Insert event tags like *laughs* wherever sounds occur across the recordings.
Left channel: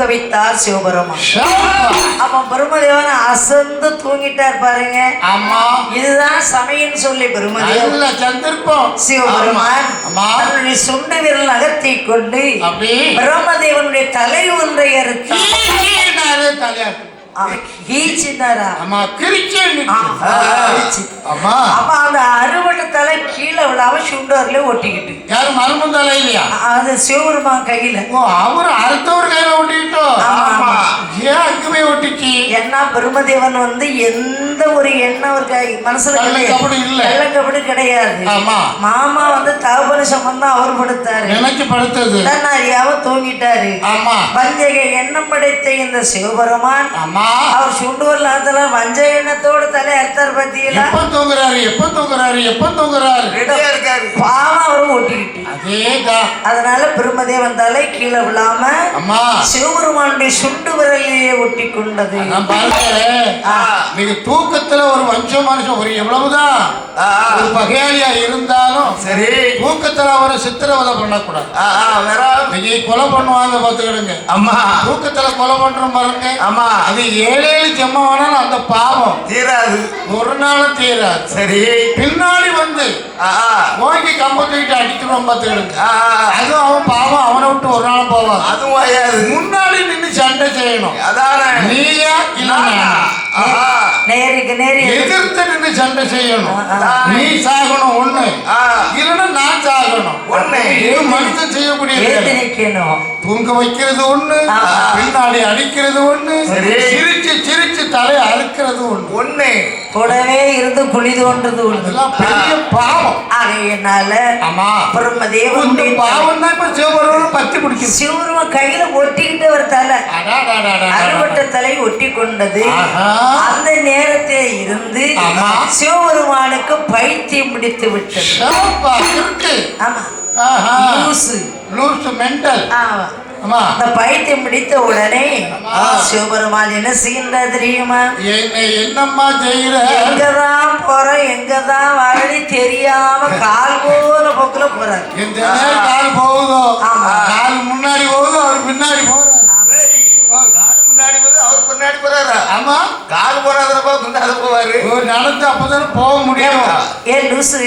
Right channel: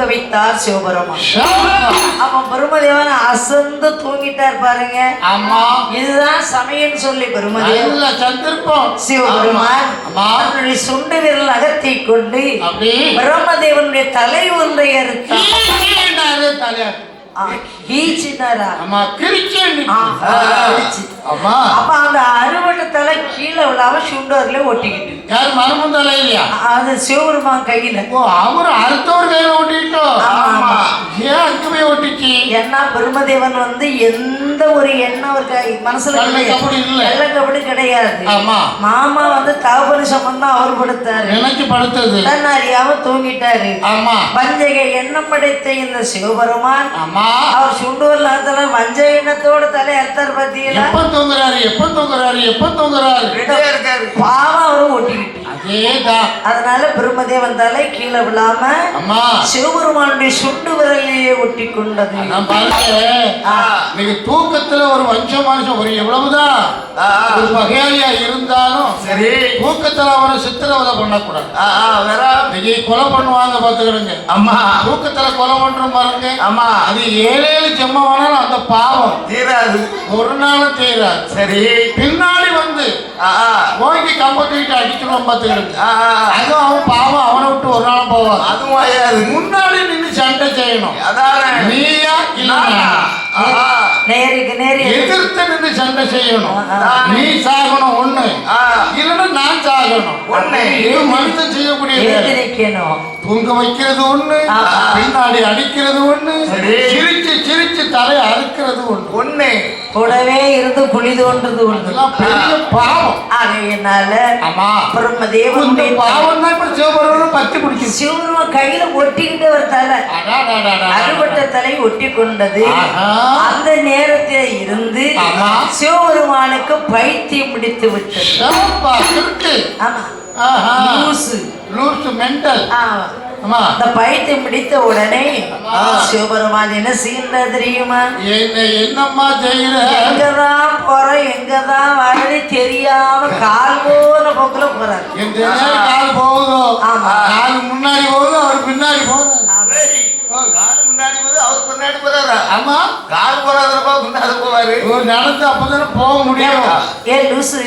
தூக்க வைத்தார் சிவபெருமான் பிரம்மதேவன் அசந்து தூங்கிட்டார் பாருங்க. இதுதான் சமயம்னு சொல்லி சந்தர்ப்பம் சிவபெருமான். தன்னுடைய சுண்டு விரல் அகத்தை கொண்டு பிரம்மதேவனுடைய தலை ஒன்றை அறுத்து கீழே தலையா ஈச்சினாரா ஒட்டிச்சு ஏன்னா பிரம்மதேவன் வந்து எந்த ஒரு எண்ணம் மனசுல கள்ள கிடையாது. மாமா வந்து தகவல் சம்பந்தம் அவர் கொடுத்தாரு நினைச்சு படுத்தது. தன் அறியாம தூங்கிட்டாரு. ஆமா. வஞ்சக எண்ணம் படைத்த இந்த சிவபெருமான் அவர் சுண்டூர் நாத்துல வஞ்ச எண்ணத்தோட தலை அர்த்தர் பத்தியில எப்ப தூங்குறாரு? எப்ப தூங்குறாரு? எப்ப தூங்குறாரு? பாவம் அவரும் ஒட்டிக்கிட்டு. அதனால பிரம்மதேவன் தலை கீழே விழாம அம்மா. சிவபெருமானுடைய சுண்டு விரலிலேயே ஒட்டி கொண்டது நீங்க தூக்கத்துல ஒரு வஞ்ச மனுஷன் ஒரு எவ்வளவுதான் ஒரு வகையாளியா இருந்தாலும் சரி. தூக்கத்துல அவரை சித்திரவதை பண்ணக்கூடாது. வேற. நீங்க கொலை பண்ணுவாங்க பாத்துக்கிடுங்க அம்மா. தூக்கத்துல கொலை பண்றோம் பாருங்க. ஆமா அது ஏழேழு ஜென்மமானாலும் அந்த பாவம் தீராது. ஒரு நாளும் தீராது. சரி. பின்னாடி வந்து ஆ, நோய்க்கு கம்பத்துக்கிட்ட அடிக்கணும் அது அவன் பாவம் அவனை விட்டு ஒரு நாளும் போவாது அது மாயாது முன்னாடி நின்று சண்டை செய்யணும் அதானே நீயா இல்ல நேருக்கு நேரு எதிர்த்து நின்று சண்டை செய்யணும் நீ சாகணும் ஒண்ணு இல்லைன்னா நான் சாகணும் ஒண்ணு. இது மனுஷன் செய்யக்கூடிய தூங்க வைக்கிறது ஒண்ணு. பின்னாடி அடிக்கிறது ஒண்ணு சரி. சிரிச்சு சிரிச்சு தலை அறுக்கிறது ஒண்ணு ஒண்ணு கூடவே இருந்து குழி தோன்றது ஒன்று பிடிக்குது சிவபெருமான் கையில ஒட்டிக்கிட்டு ஒரு தலை. அறுபட்ட தலை ஒட்டி கொண்டது. அந்த நேரத்தில் இருந்து. சிவபெருமானுக்கு பைத்தியம் பிடித்து விட்டது. பைத்தியம் பிடித்த உடனே சிவபெருமான் என்ன செய்யல தெரியுமா? என்ன என்னம்மா செய்யற எங்கதான் போற எங்கதான் வாழி தெரியாம கால் நேரம் கால் போகுதோ. கால் முன்னாடி போகுதோ அவர் பின்னாடி போறாரு. கால் முன்னாடி போகுது அவர் பின்னாடி போறாரா? ஆமா. கால் முன்னாடி போவாரு. நடந்து அப்பதானே போக முடியும். ஏ லூசு.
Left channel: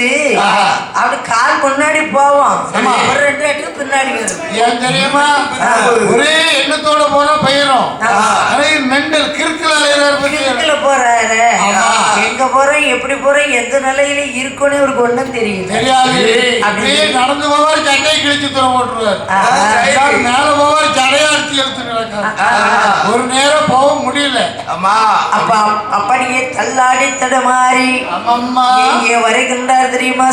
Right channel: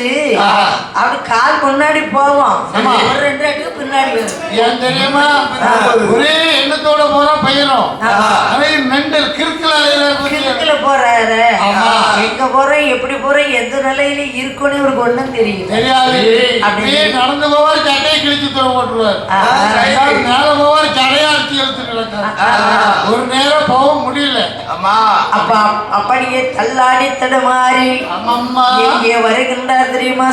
அப்படி கால் முன்னாடி போவோம். ஒரு ரெண்டு அடி பின்னாடி வரும். ஏன் தெரியுமா? ஒரே எண்ணத்தோட போறா பையனும் அதே மெண்டல் கிறுக்கலா போறாரு. எங்க போறோம் எப்படி போறோம் எந்த நிலையில இருக்குன்னு இவருக்கு ஒண்ணும் தெரியும் தெரியாது. அப்படியே நடந்து போவார் சட்டையை கிழிச்சு தர போட்டுருவார். மேல போவார் சடையா அடிச்சு இருக்காரு. ஒரு நேரம் போக முடியல. அம்மா அப்ப அப்படியே தள்ளாடி தடுமாறி எங்கே வருகின்றார் தெரியுமா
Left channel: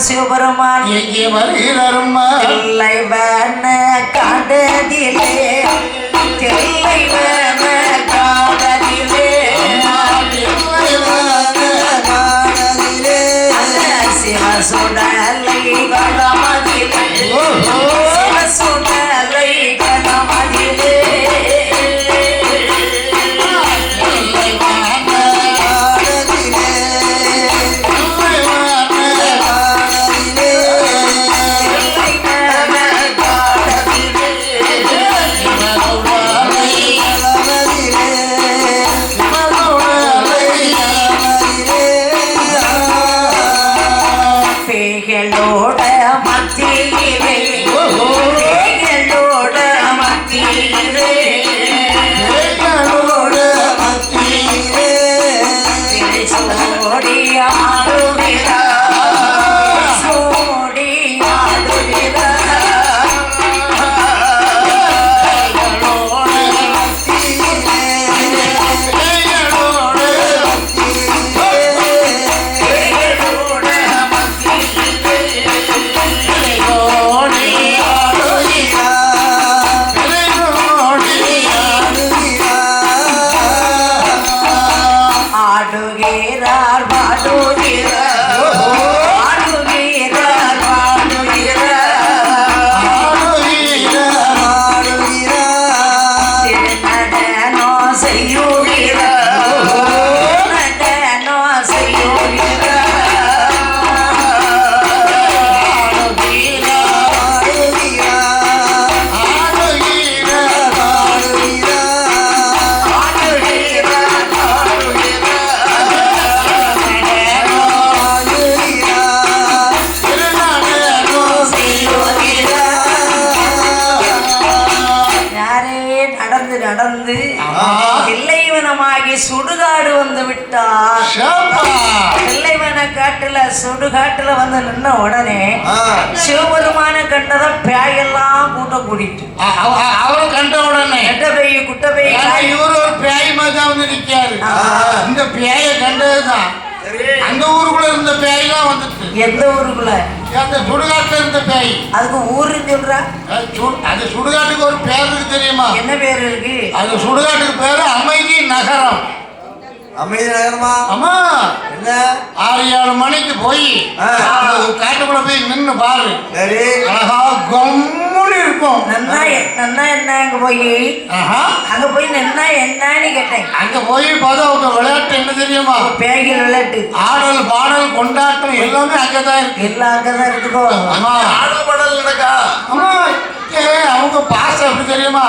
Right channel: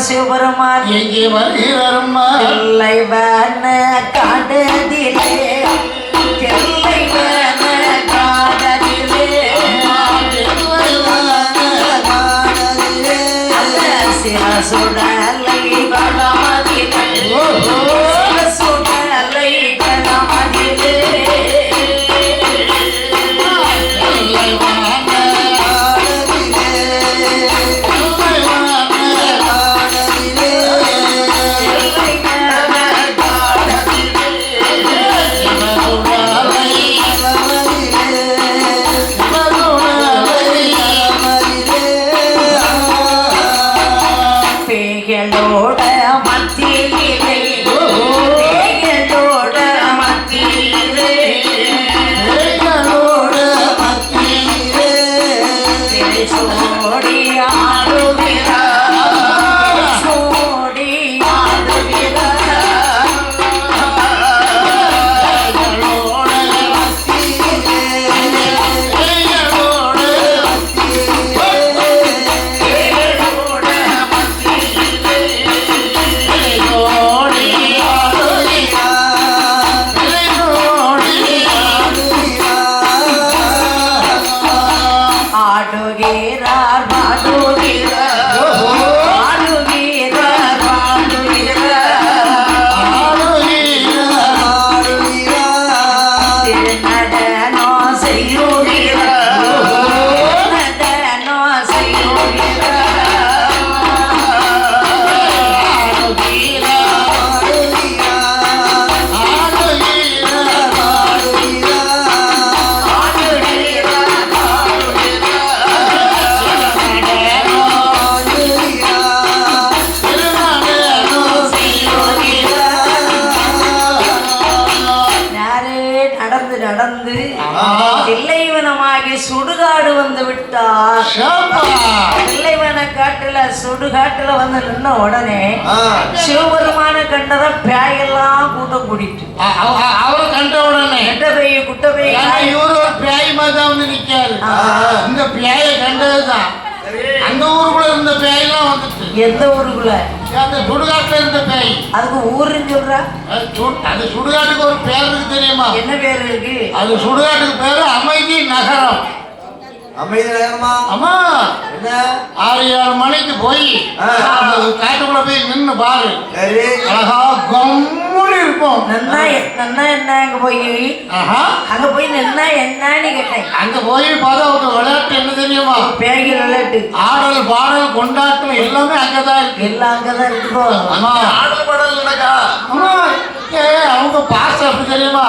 சிவபெருமான் எங்கே தில்லைவன காடதிலே தில்லைவன காடதிலே சிவசுடலை கணமதிலே சுடுகாட்டுல வந்து நின்ன உடனே. சிவபெருமான கண்டத பேயெல்லாம் அ- அவ- அவரை கண்ட உடனே கெட்ட பேய் குட்ட பேய். இவரு ஒரு பியாய் மாதிரி தான் வந்து நிற்காரு. இந்த பியாயை கண்டதுதான். சரி. அந்த ஊருக்குள்ள இருந்த பியாயெல்லாம் வந்துட்டு. எந்த ஊருக்குள்ள? அந்த சுடுகாட்டுல இருந்த பியாய் அதுக்கு ஊருன்னு சொல்ற. அந்த சுடுகாட்டுக்கு ஒரு பேர் இருக்கு தெரியுமா? என்ன பேர் இருக்கு? அது சுடுகாட்டுக்கு பேரு அமைதி நகரம். அமைதி நகரமா அம்மா என்ன? ஆறு ஏழு மணிக்கு போய் காட்டுக்குள்ள போய் நின்னு பாரு. சரி. அழகா கம்முன்னு இருக்கும் நன்னா நன்னா என்ன அங்க போய்? ஆஹா. அங்க போய் நின்னா என்னன்னு கேட்டேன். அங்க போய் பார்த்தா ஒரு விளையாட்டு என்ன தெரியுமா? பேய்கள் விளையாட்டு. ஆடல் பாடல் கொண்டாட்டம் எல்லாமே அங்கதான் இருக்கு. எல்லாம் அங்கதான் இருக்குதோ ஆடல் பாடல் நடக்கா? அவங்க பாசம் எப்படி தெரியுமா?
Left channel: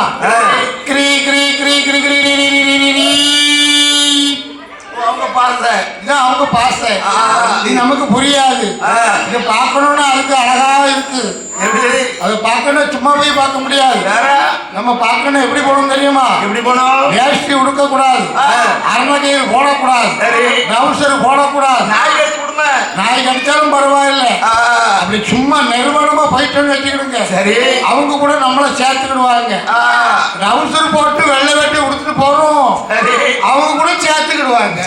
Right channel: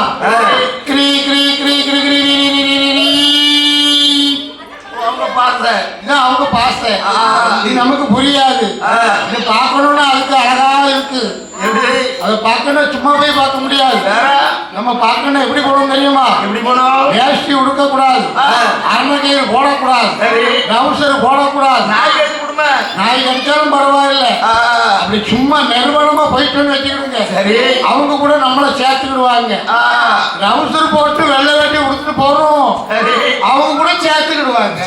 புரியாது. பார்க்கணும்னா அதுக்கு அழகாக இருக்கு. அதை பார்க்கணும் சும்மா போய் பார்க்க முடியாது. நம்ம பார்க்கணும் எப்படி போகணும் தெரியுமா? எப்படி போனோம் வேஷ்டி உடுக்கக்கூடாது. ஆ. அரமணியர் போடக்கூடாது. சரி. டவுசர் போடக்கூடாது. நாய் கடிச்சாலும் பரவாயில்ல. அப்படி சும்மா நிர்வாணமா போயிட்டு வச்சுக்கிடுங்க. சரி. அவங்க கூட நம்மள சேர்த்துக்கிடுவாங்க. டவுசர் போட்டு வெள்ளை வேட்டி உடுத்துட்டு போறோம். அவங்க கூட சேர்த்துக்கிடுவாங்க.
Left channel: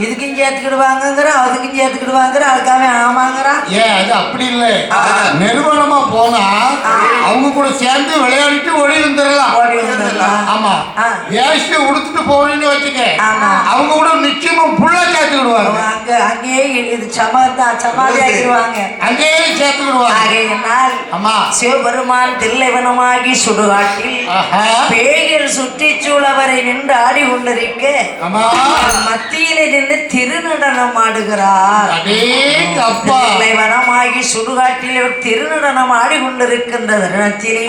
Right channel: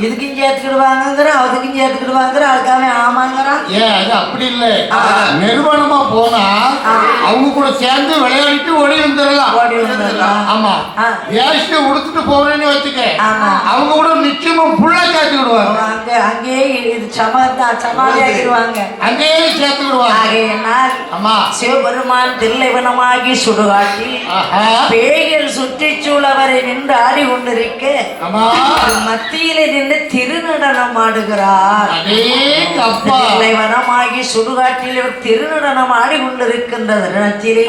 இதுக்கும் சேர்த்துக்கிடுவாங்கங்கிற அதுக்கும் சேர்த்துக்கிடுவாங்கிற அதுக்காக ஆமாங்கிறான் ஏன் அது அப்படி இல்லை. ஆ. நிர்வாணமா போனா அவங்க கூட சேர்ந்து விளையாடிட்டு ஓடி வந்துடலாம். ஆமா. ஆ. வேஷ்டி உடுத்துட்டு போறேன்னு வச்சுக்க ஆமா. அவங்க கூட நிச்சயமா புள்ளா சேர்த்துக்கிடுவாங்க. அங்க அங்கேயே இது சமாதா சமாதியாகிடுவாங்க அங்கேயே ஆகையினால் ஆமா. சிவபெருமான் தில்லைவனமாகி சுடுகாட்டில். பேய்கள் சுற்றிச் சூழவரை நின்று ஆடி கொண்டிருக்க மத்தியிலே நின்று திருநடனம் ஆடுகிறார். தில்லைவனமாகி சுடுகாட்டில் திருநடனம் ஆடி கொண்டிருக்கின்ற தருணத்திலே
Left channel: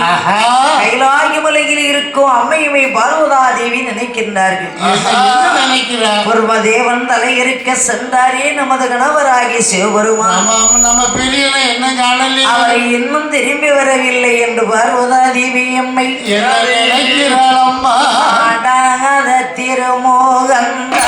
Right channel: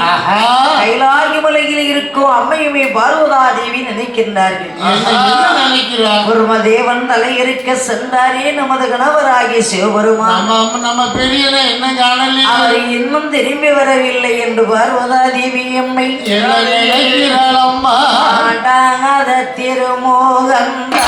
கைலாகி மலையில் இருக்கும் அம்மையுமை பார்வதாதேவி நினைக்கின்றார்கள். என்ன என்ன நினைக்கிறார்? குருமதேவன் தலையிருக்க சென்றாரே நமது கணவராகிய சிவபெருமான். நம்ம என்ன காணலையே அவரை இன்னும் திரும்பி வரவில்லை என்று என்ன நினைக்கிறாள் அம்மா. திருமோகன்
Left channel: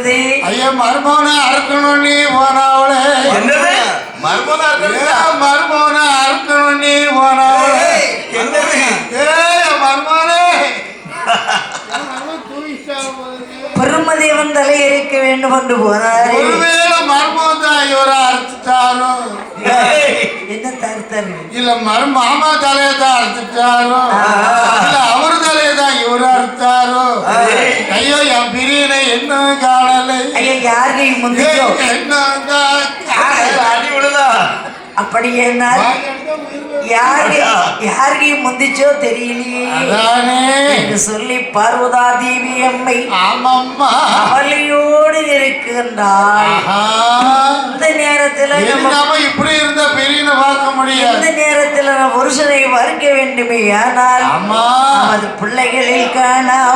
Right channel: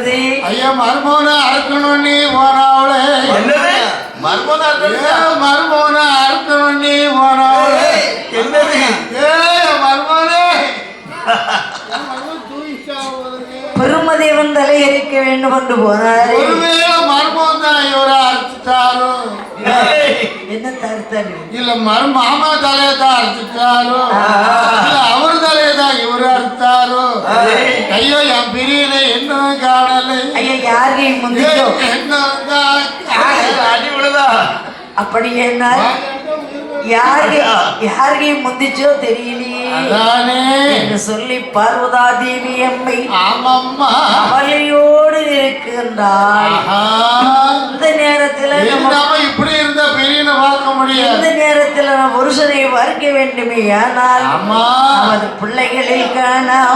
வருது. ஐயா மருமோன அறுக்கணும் நீ போனாவளே என்னது இருக்குதா? ஏன் மருமோன அறுக்கணும் நீ போனாவளே என்னது? ஏய் மருமோனே. பெருமதேவன் தலை அரிக்க வேண்டும் என்று போனாரே. ஒருவேளை மருமகன் தான் இவரை அறுத்துட்டாரோ என்ன தருத்தல் இல்ல மரு மாமா தலையை தான் அறுத்துட்டாரோ அவர் தலையை முந்திச்சோ? இன்னும் கா- அடி விடுதா அப்படியே நான் யாரு முந்திச்சோ? தெரியலையே. அதானே. என்று சொல்லி பார்வதா தேவி அம்மை இருக்கின்றாள் ஆஹா. இந்த நேரத்துல இப்படி இருந்த பிரியனை பார்க்க முடியாது? இந்த நேரத்துல நம்ம புருஷனை மறுக்க வேண்டுமே. நமது I know.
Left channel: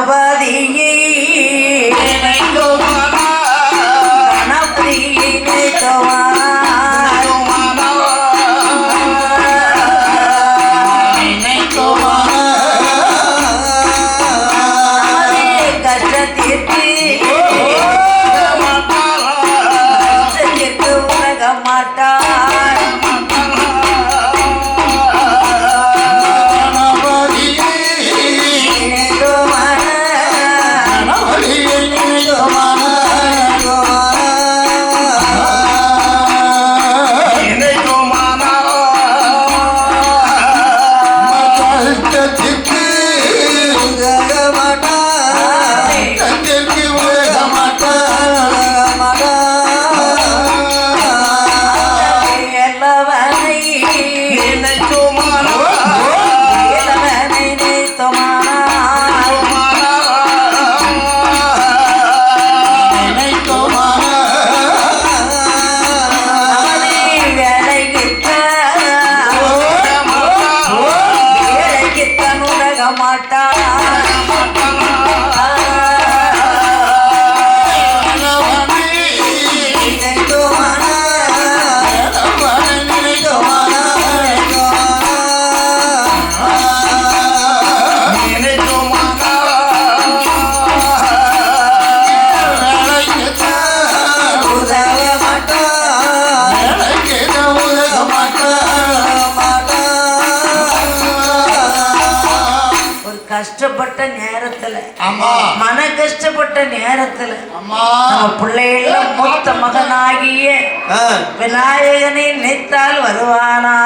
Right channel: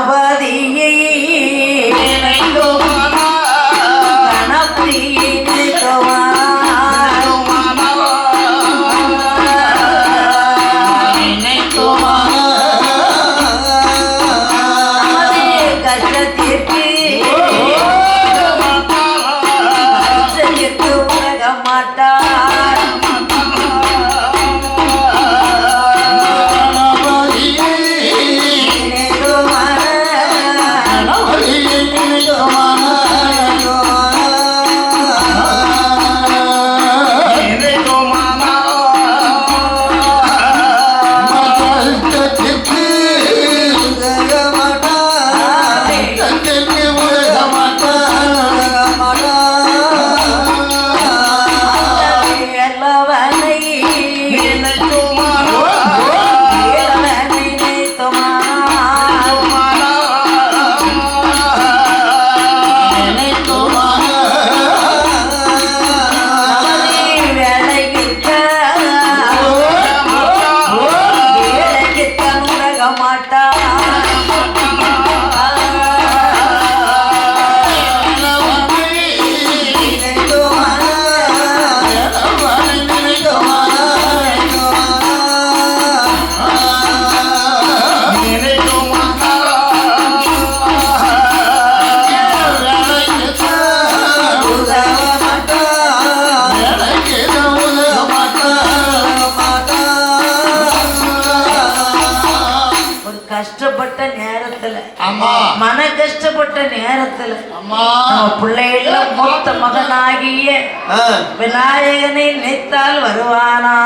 நினைத்தால் வருவானா?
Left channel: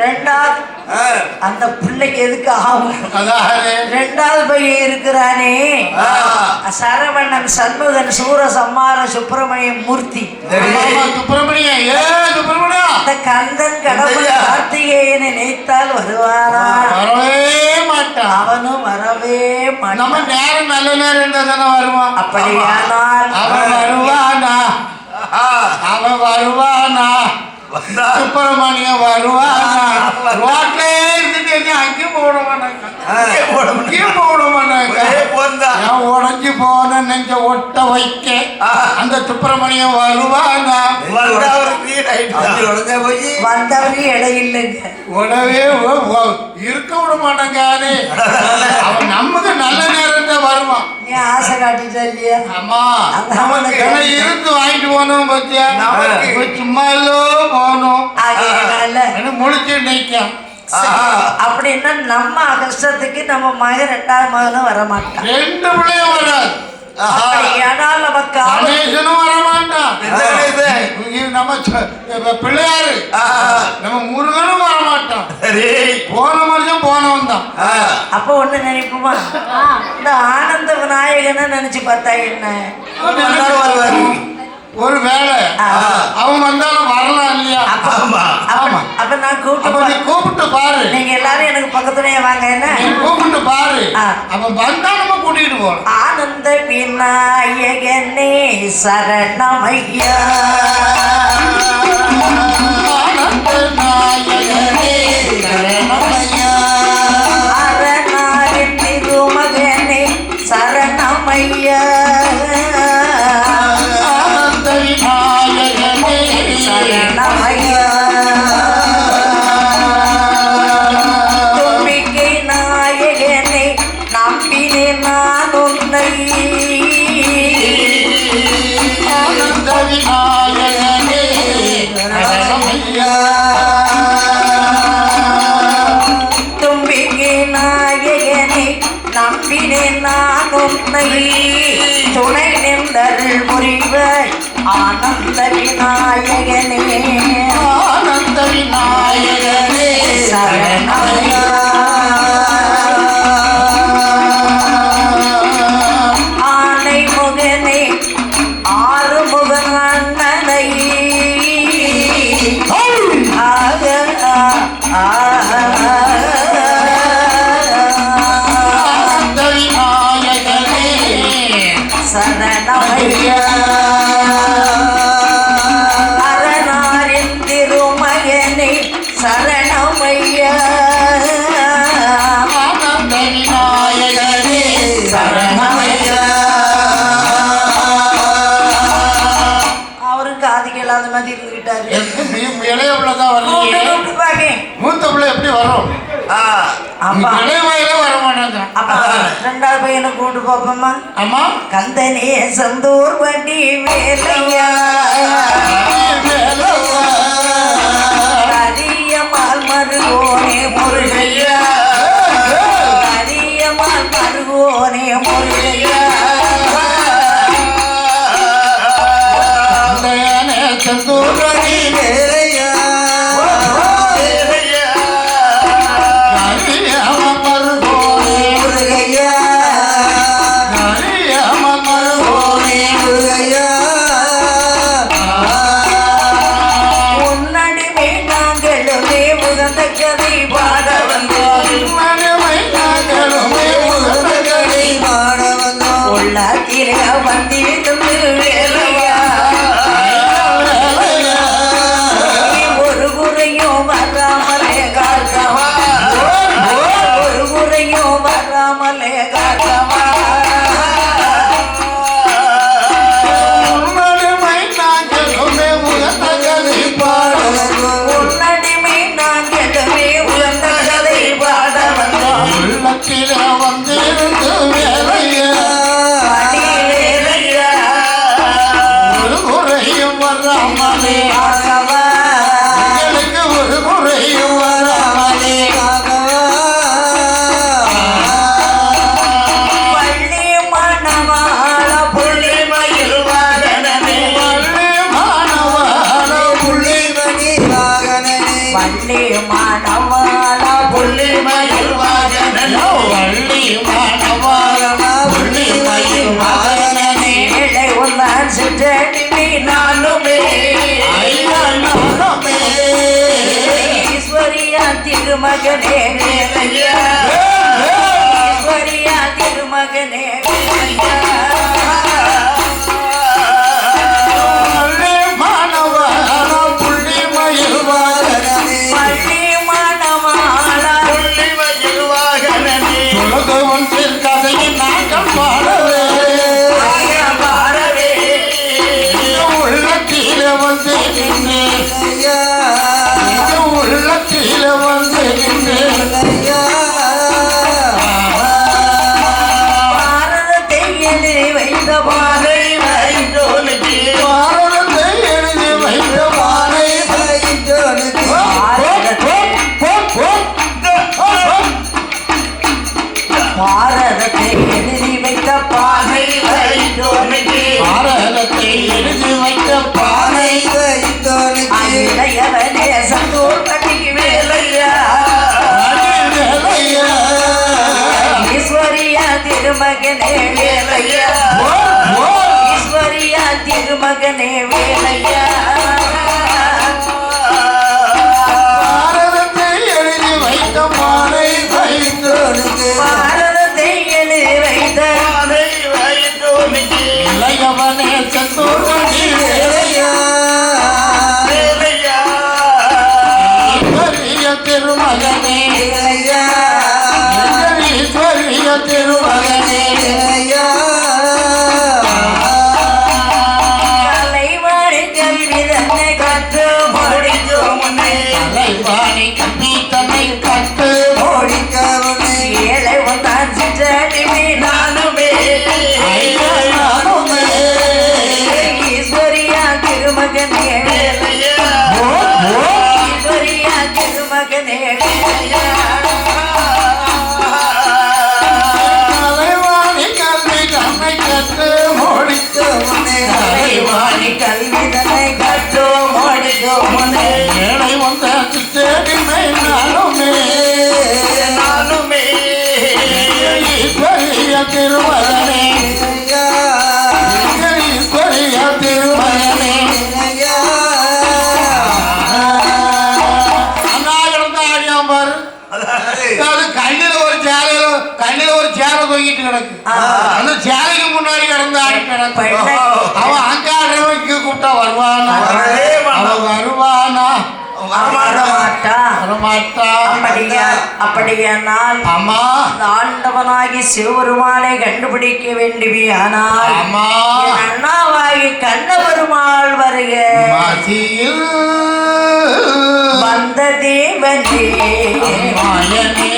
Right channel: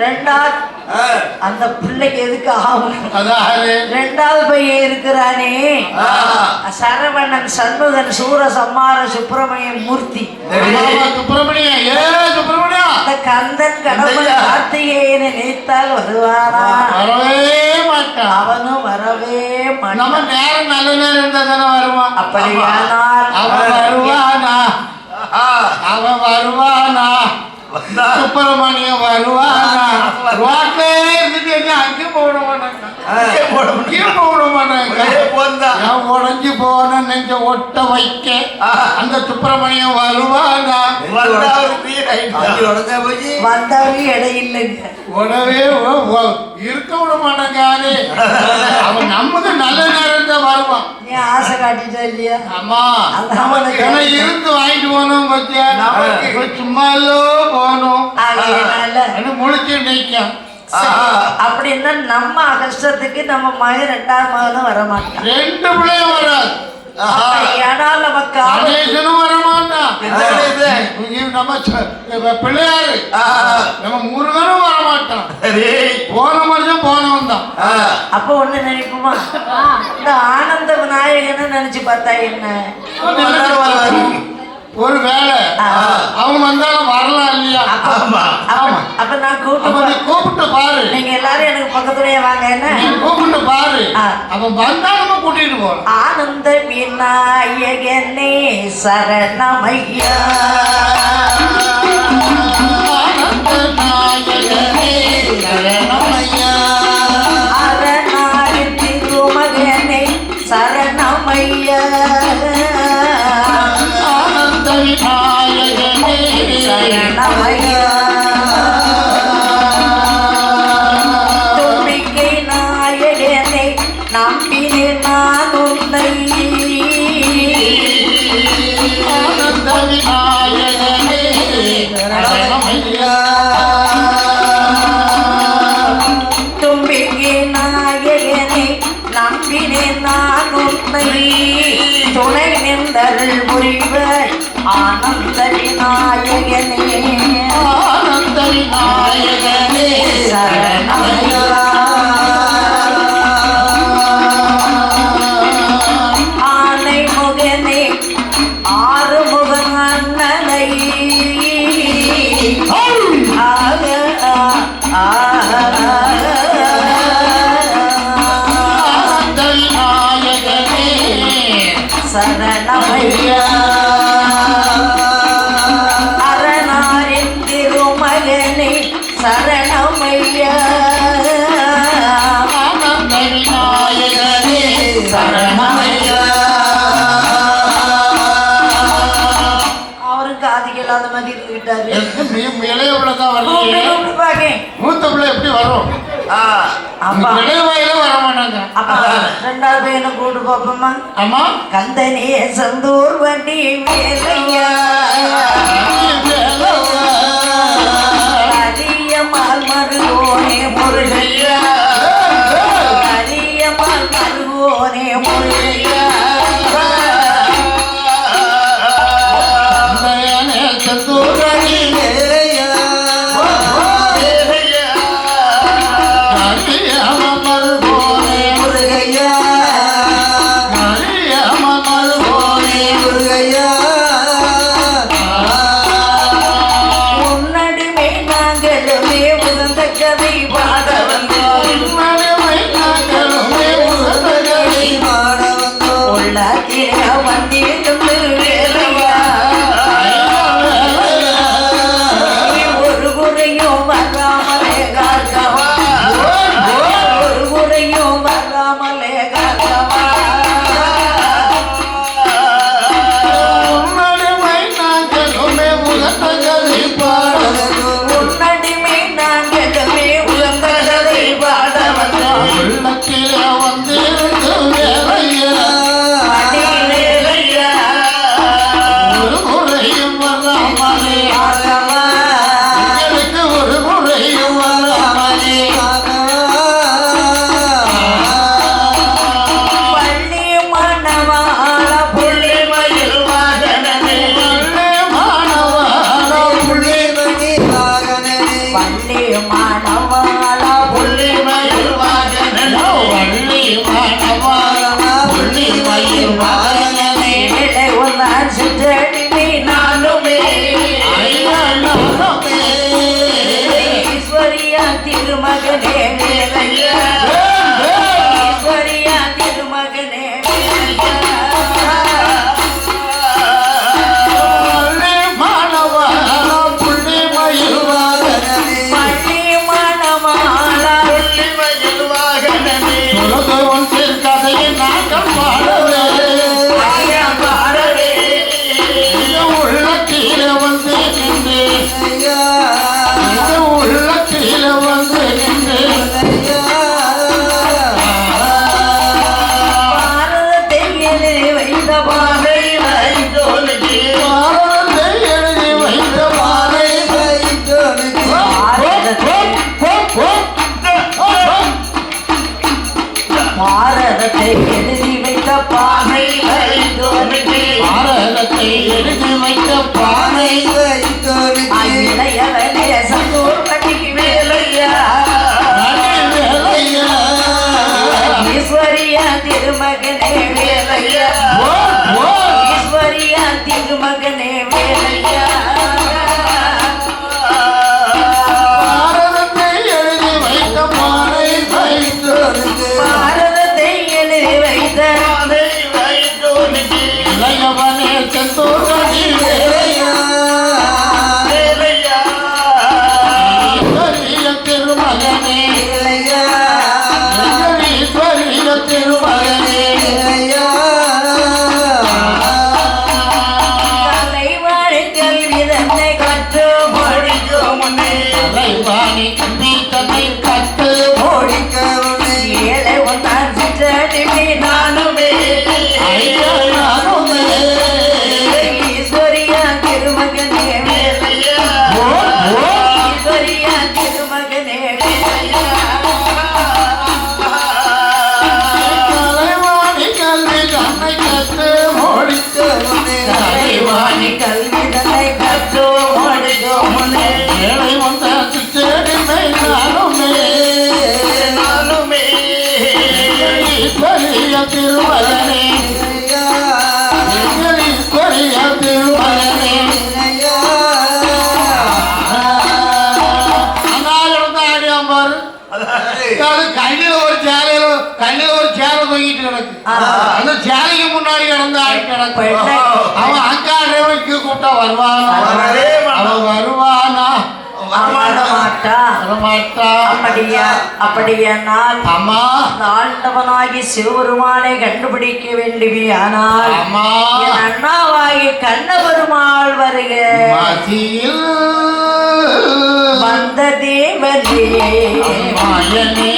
ரெண்டாவது அந்த பிள்ளைக்கு எதுக்கு ஆகும்? ரெண்டாவது பையன் இருக்கிறானே. சரவணன் சண்முகன் சூர சம்மார மூர்த்தி. சுப்பிரமணியா? ஏ சுப்பிரமணியா? அந்த கந்தன் கடவுள் கார்த்திகேயனை நினைத்தால் வருவானா? வரவே மாட்டான் அவனும் வரவே நம்ம மாட்டான் நேரம் நல்ல நேரம் அப்படியானால் அவன் வருவானா? அவன் வருவானா? சுப்பிரமணியம் வருவானா? ரோட்லே இருந்துட்டு அங்கே போட மாட்டாங்க அங்கே போட மாட்டாங்க நான் உடஞ்சி போன நெஞ்ச ஒட்ட வைக்க அந்த சுப்பிரமணியம் வருவானா? வந்தவனே இடையில்லைங்க. உடவே இருக்க விட மாட்டாங்கானே *laughs* அவன் நமக்கு நல்ல நேரம் தான் வருவான் நீ ஆசை காட்டிட்ட இல்லையா அம்மா அதான் ஏன்னா இருந்து வாங்கிட்டு போனோம் பத்தியா நமக்கு சும்மா இல்லோ போகணும் ஆகையினால அது முழிச்சு நிற்கும் அப்படின்னா நம்ம கஷ்டத்துக்கு நம்ம மகன் ரெண்டாம் மகனும் வரமாட்டான். ரெண்டு பிள்ளையும் வராது ஆனால் நமக்கு. கணேசனும் வரமாட்டான். நம்ம பிள்ளையாரு. நம்ம முருகனும் வரமாட்டான். போன வருஷம் போனவன் தான் அப்போ ஒண்ணு நினைப்போமா? இந்த ஆனந்த விநாயகனை நினைச்சு பார்த்தா என்ன? ஒரு வேலை அவன் வந்தாலும் வரலாம் இல்லையா? அப்ப அப்ப நான் கூப்பிட்டு. கூப்பிட்டு பாரு. நீங்க எல்லாரும் எனக்கு பக்கத்துலயே வாங்க என்ன? கூப்பிட்டு பாரு. அவன் வந்தா நம்ம கூட்டிட்டு போறோம் ஆனந்த விநாயகனே சரணமையா. அரணாரின் அப்படியானால் அம்மா. ஆண்டவனாகி சிவபெருமானை கண்டுபிடிக்க வேண்டுமையானால் அண்ணாவாகி கண்ண பெருமாள் வருக. வந்த தேவதே மனதே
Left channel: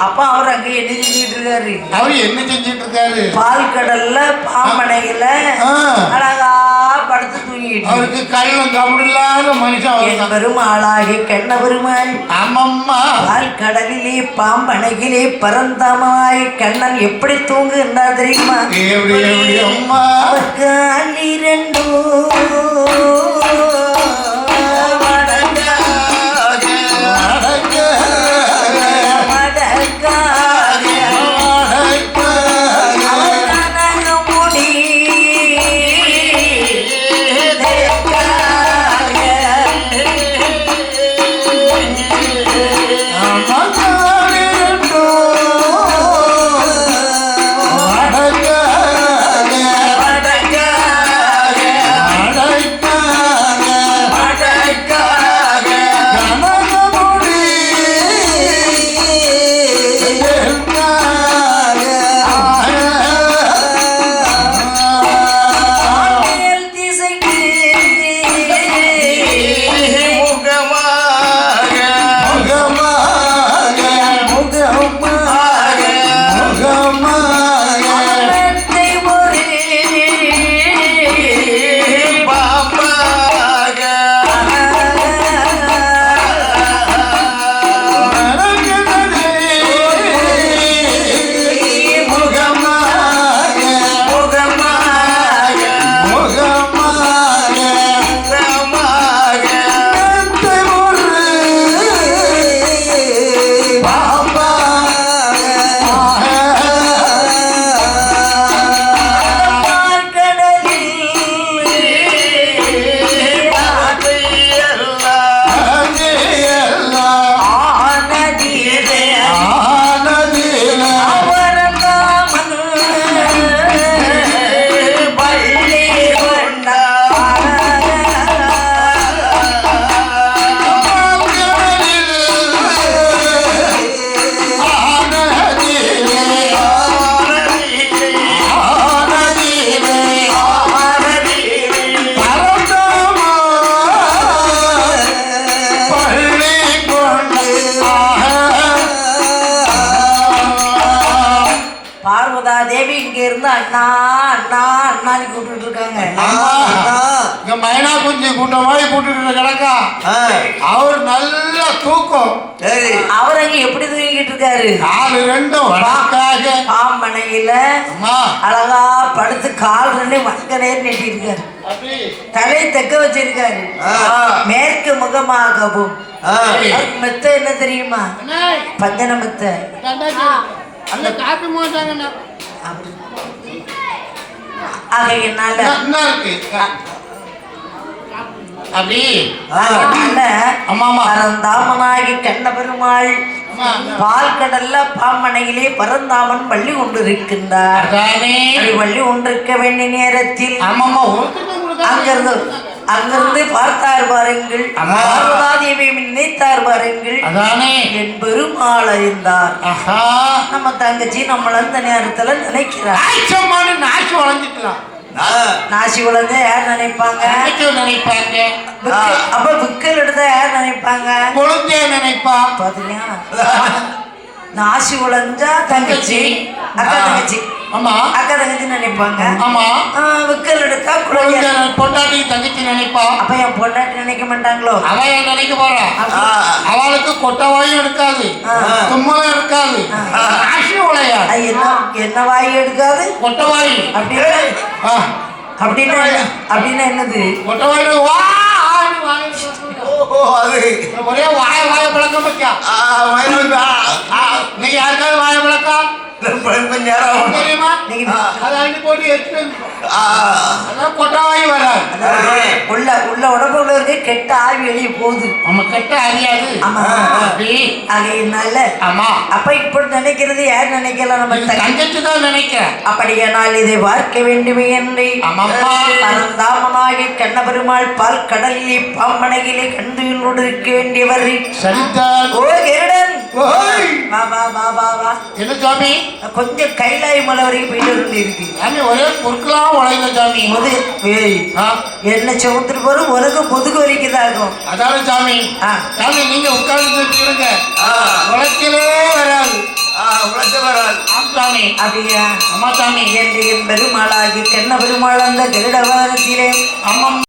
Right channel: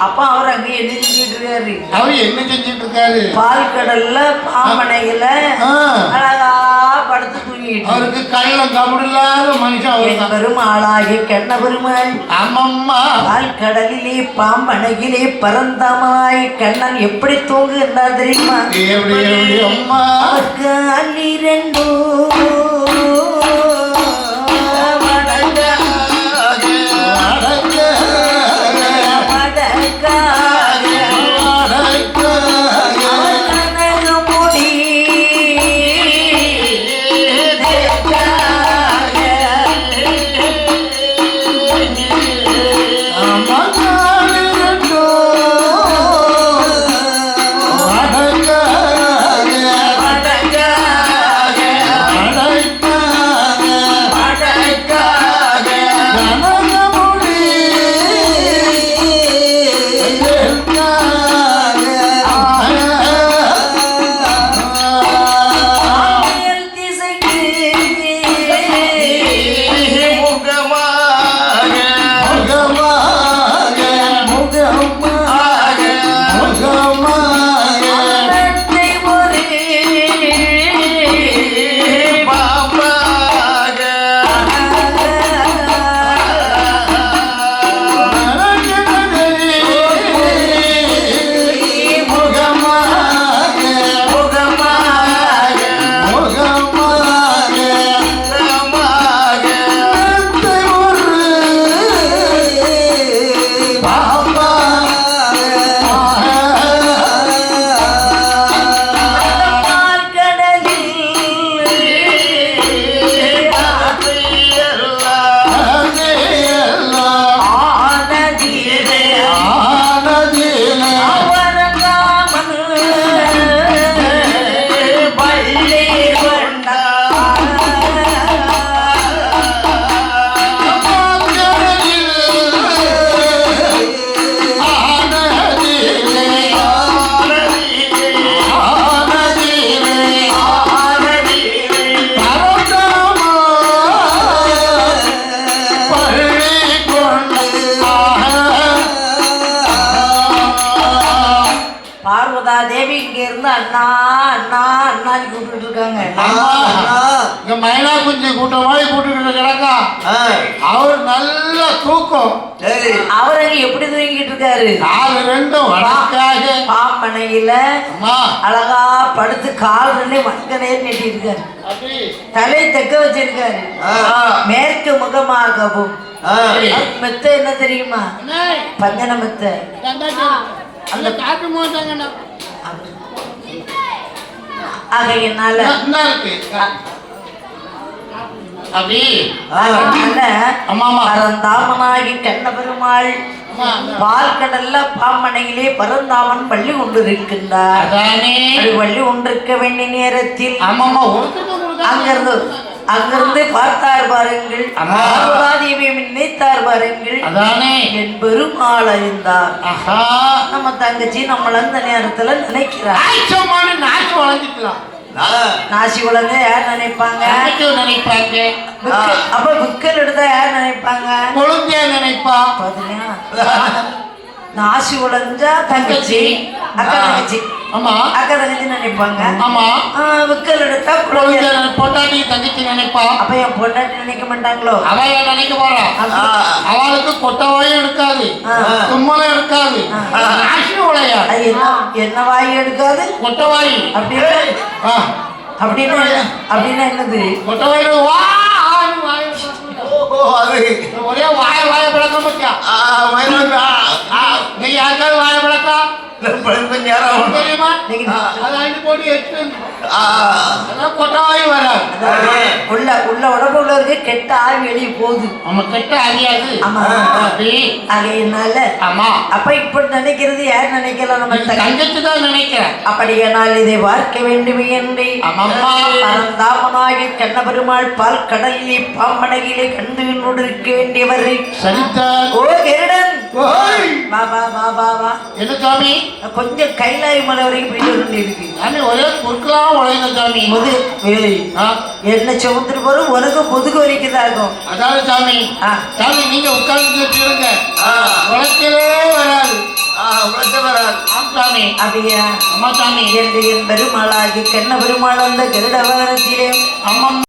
அப்ப அவர் அங்க என்ன செஞ்சுட்டு இருக்காரு? அவர் என்ன செஞ்சுட்டு இருக்காரு? பால் கடல்ல பாம்பனையில படுத்து தூங்கிட்டு அவருக்கு கல்ல தமிழ்லாத மனுஷன் வரும் ஆளாகி கண்ண பெருமாள் ஆமாம்மா. பால் கடலிலே பாம்பனையிலே பரந்தமாய் கண்ணன் எப்படி தூங்குன்னா தெரியுமா? அவருக்கு கால் ரெண்டும் வடக்காக பாம்பனையில அம்மா. அழகா படுத்து கால் ரெண்டு மங்கனே நெட்டிருக்காரு தலை தெக்க வச்சிருக்காரு. ஆ. மேற்கு முகமாகவும். ஆ. மெத்த என்ன தெரியுமா? பஞ்சன மெத்த. அந்த காப்பி மாட்டாங்கண்ணா ஆகையினால அப்படி அதனால. பரந்தாமனாகி கண்ண பெருமாள் அம்மா அந்த பால் கடல்ல பாம்பனையிலே பரந்தாமன் பள்ளி கொண்டிருக்கின்றார் பள்ளி கொண்டிருக்க வேண்டிய நேரத்தில் அங்கிருந்து அங்கிருந்து பார்த்தார் பாருங்கள். தேவியை நினைத்தார் பாருங்கள் அதானே? என் பெருமாள் அறிந்தார் ஆஹா. நம்ம தங்கச்சி நம்மள அந்த நேரத்துல நினைக்கிறார். நாச்சு வளர்ந்துக்கலாம். நாசி உலக யார் நினைப்பாங்க? நினைப்பாங்க? அப்ப புக்கல் எடுத்தா யார் நினைப்பாங்க? கொழுந்தியா நினைப்பா? பாத்தீங்களா? நாசி உலஞ்சா தங்கச்சி அக்கா தங்கச்சி. அக்கா தங்கச்சி நினைப்பாங்க. விக்கல் எடுத்தா குழந்தை. பொண்டாட்டி தங்கச்சி நினைப்பா? அப்ப என் பொண்டாட்டி நினைக்க மாட்டாங்களோ அவ ஏன் நினைக்க போறா ஆ. அவளுக்கு கொட்டவாயும் எடுக்காது. தும்மலும் எடுக்காது. உலையா அது என்ன என்ன வாய் எடுக்காது? கொட்டவாயு அப்படின்னா. அப்படின்னா அப்படின்னா என்னது? கொட்டவாயு வா ஒரே வாய் வாய பழக்கம் வச்சா நீ யாருக்காவது வாய பழக்கம் தெரியுமா? நீங்க அதான் அள்ளி உள்ள உள்ள உடம்பு உள்ள இருக்க கெட்ட ஆவி வெளியே போகுது. நம்ம கெட்ட ஆமா. அப்படி. ஆகையினால ஆமா. அப்ப இப்படி நினைக்கிறது யார் நினைக்கலாம் நம்ம தங்கச்சி? தான் நினைக்கிறேன். அப்படியானால் இதை பார்க்க வேண்டுமே என்று. கண்ணபெருமாள் பால் கடலிலே பாம்பனையிலே கண்டுகளோடு இருக்க வேண்டியவர் சரிதான் ஓ வா வா வா. என்ன சாமி? கொஞ்சம் கைலாய மலை வரைக்கும் போயிட்டு வர இருக்கு சாமி ஒரே பொருட்களாம் உழைந்த சாமி? முது என்ன சுமத்துட்டு போறோம் உனக்கு முதுகு வரைக்குதாகும் அதான சாமி? ஆ. சாமி நீங்க உட்கார்ந்து சொல்லுங்க உழைக்கவே வராது. வரால் ஆம் சாமி. அப்படியா? அம்மா சாமி. என்று என் பெருமாளாகி கண்ண பெருமாள் அந்த கருடவாரத்திலே ஆமாம்.